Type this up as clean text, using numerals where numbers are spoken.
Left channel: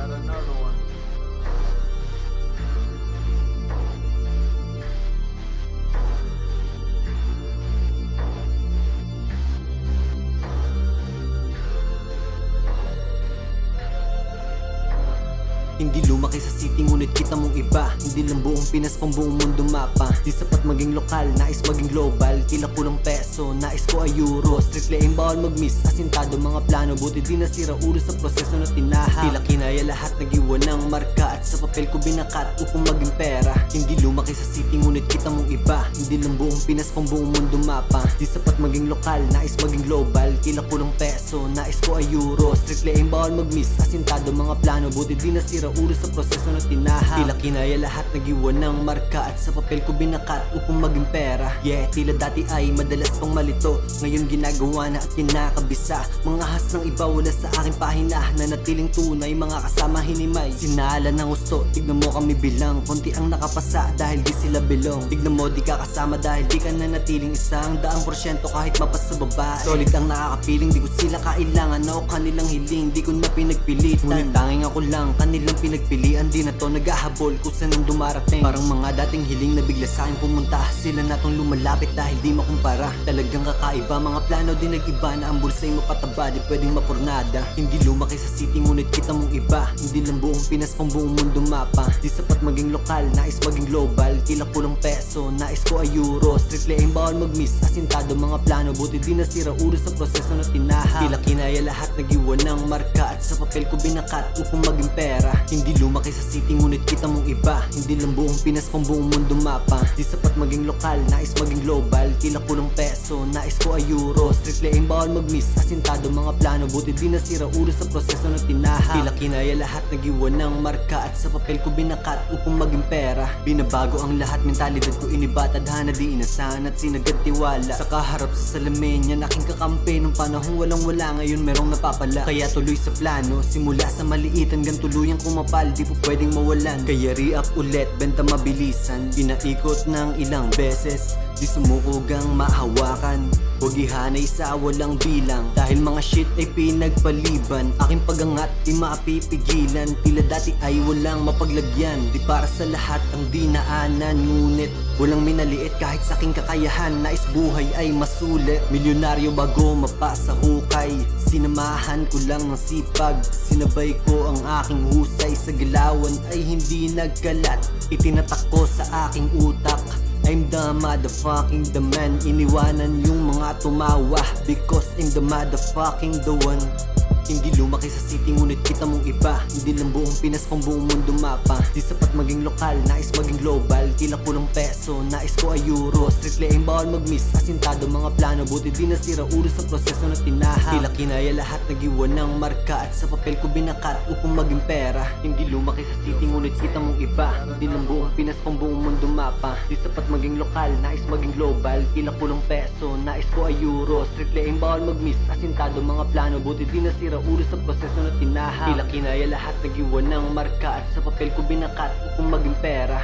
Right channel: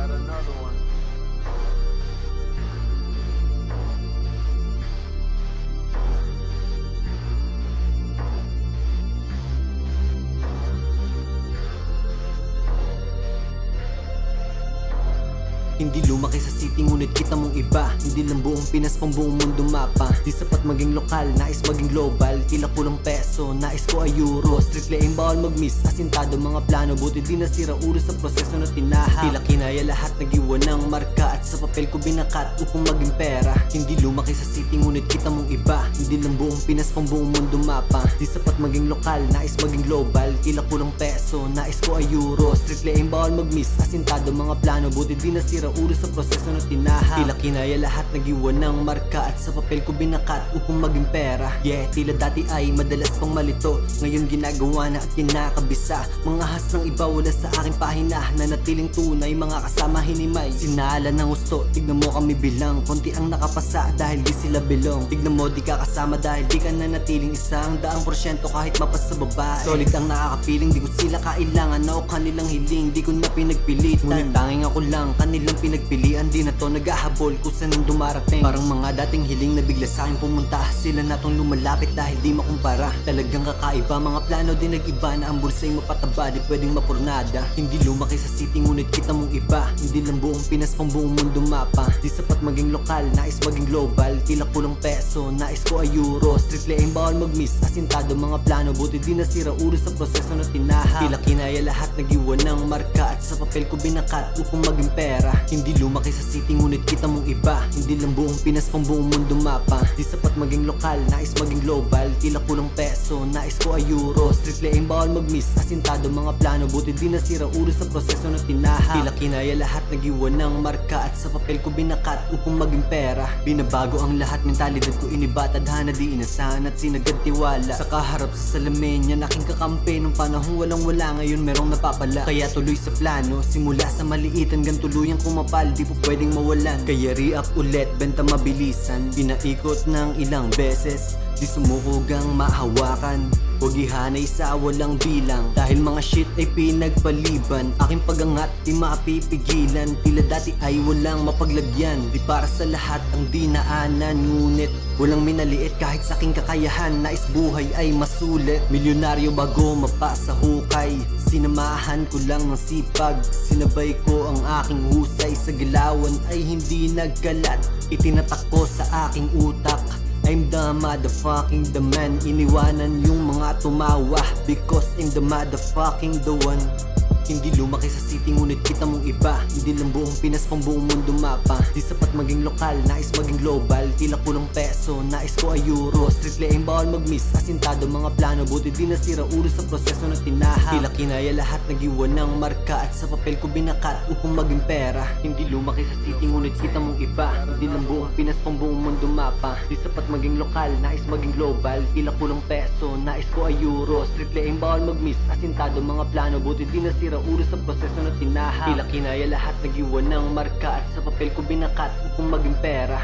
got another one. Hindi lumaki sa city ngunit kita mong iba. Hindi lang buong Pinas pang buong mundo mapa. Di sapat maging lokal, nais maging global. Tila kulang peso, nais ko ay euro. Strictly aim, bawal mag-miss. Asintado mga plano, buti di nasira ulo sa proseso na tinaha. Tila kinaya lahat, nag-iwan ng marka. At sa papel ko binakat upang maging pera. Hindi lumaki sa city ngunit kita mong iba. Hindi lang buong Pinas pang buong mundo mapa. Di sapat maging lokal, nais maging global. Tila kulang peso, nais ko ay euro. Strictly aim, bawal mag-miss. Asintado mga plano, buti di nasira ulo sa proseso na tinaha. Tila kinaya lahat, nag-iwan ng marka. At sa papel ko binakat upang maging pera. Yeah, tila dati ay madalas pang malito. Ngayon ginagawa na at kinakabisa. Mga has ng iba wala sa aking pahina. Nanatiling tunay, mga kasama hinimay. Sinala ng gusto, tignan mo kami bilang. Konti ang nakapasa dahil di sila belong. Tignan mo di ka kasama dahil di ka nanatiling 100% kahit mapas sa babae. Solid ang nakakapiling, di ko sila kailangan. Ako kanilang hiling, di ko na pinagpilitan. Ngunit tanging ako lang, kanilang pinagpilian. Di na to naghahabol kung saan ang dumarating. Parang mga dating hiling na bigla sa akin pumunta. Sila na tong lumalapit dahil di makumpara. Talagang kakaiba, mga plano din nag-iba. Na ang bulsa'y mapataba, di pwedeng mapurnada. Hindi lumaki sa city ngunit kita mong iba. Hindi lang buong Pinas pang buong mundo mapa. Di sapat maging lokal, nais maging global. Tila kulang peso, nais ko ay euro. Strictly aim, bawal mag-miss. Asintado mga plano, buti di nasira ulo sa proseso na tinaha. Tila kinaya lahat, nag-iwan ng marka. At sa papel ko binakat upang maging pera. Hindi lumaki sa city ngunit kita mong iba. Hindi lang buong Pinas pang buong mundo mapa. Di sapat maging lokal, nais maging global. Tila kulang peso, nais ko ay euro. Strictly aim, bawal mag-miss. Asintado mga plano, buti di nasira ulo sa proseso na tinaha. Tila kinaya lahat, nag-iwan ng marka. At sa papel ko binakat upang maging pera. Binabago ang lahat, mentalidad ko iniba. Tadhana di inasahan at sinagad tiwala. Sa kaharap sa salamin yan aking kakampi. Nung panahong walang wala, ngayon merong napapala. Kaya tuloy sa plano, simula sa maliit hanggang tuluyang kumapal. Di po pwedeng mawalan. Kaya re-up ulit, benta mabilisan. Pinaikot ng ilang beses, di sumukugang mahawakan. Huwag ihanay sa walang bilang. Dahil mga shit ay pinagpaliban. Aking pagangat di mapipigilan. Tila dati ay walang mapaglagyan. Di para sa lahat ang dinaanan. Ngunit walang minaliit kahit sa aking kakayahan. Nais buhay ay masulit. Milyonaryo bago mapasa hukay. Sinamahan ko lang ng sipag. Sinabay ko ang aking husay. Sa galawan ay hindi nagkalat. Itinatak ko sa aking utak. I'm the motherfucking the man. Iniwanan yung mga tumawa because I'm the motherfucking the one. Hindi lumaki sa city ngunit kita mong iba. Hindi lang buong Pinas pang buong mundo mapa. Di sapat maging lokal, nais maging global. Tila kulang peso, nais ko ay euro. Strictly aim, bawal mag-miss. Asintado mga plano, buti di nasira ulo sa proseso na tinaha. Tila kinaya lahat, nag-iwan ng marka. At sa papel ko binakat upang maging pera. Hindi lumaki sa city ngunit kita mong iba. Hindi lang buong Pinas pang buong mundo mapa. Di sapat maging lokal, nais maging global. Tila kulang peso, nais ko ay euro. Strictly aim, bawal mag-miss. Asintado mga plano, buti di nasira ulo sa proseso na tinaha. Tila kinaya lahat, nag-iwan ng marka. At sa papel ko binakat upang maging pera.